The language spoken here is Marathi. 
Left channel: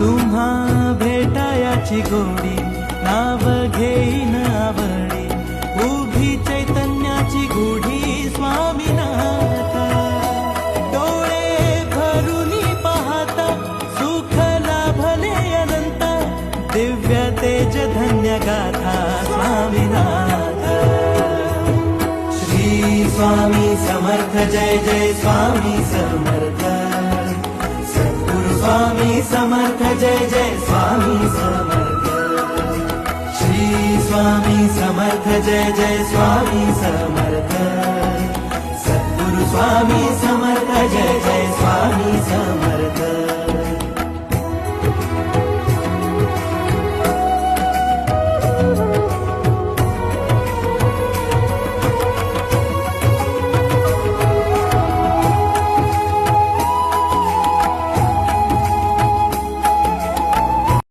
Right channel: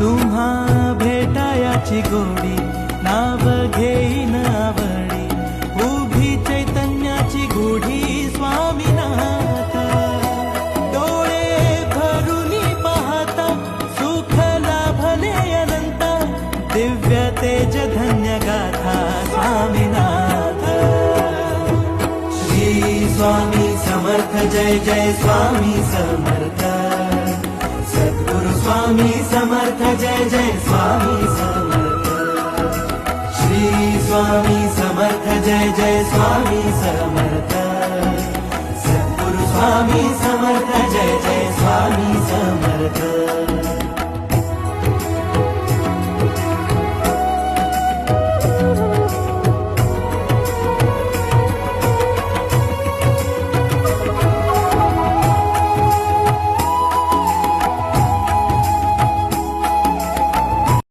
तुम्हा भेटायाची गोडी नाव घेईन आवडी उभी चैतन्याची गुढी स्वामीनाथ डोळे भरुनी पाहता सुख लाभले अनंत दिव्य तेज धन्य गाथा स्वामीनाथ श्री स्वामी समर्थ जय जय स्वामी समर्थ सद्गुरु स्वामी समर्थ जय जय स्वामी समर्थ श्री स्वामी समर्थ जय जय स्वामी समर्थ सद्गुरु स्वामी समर्थ जय जय स्वामी समर्थ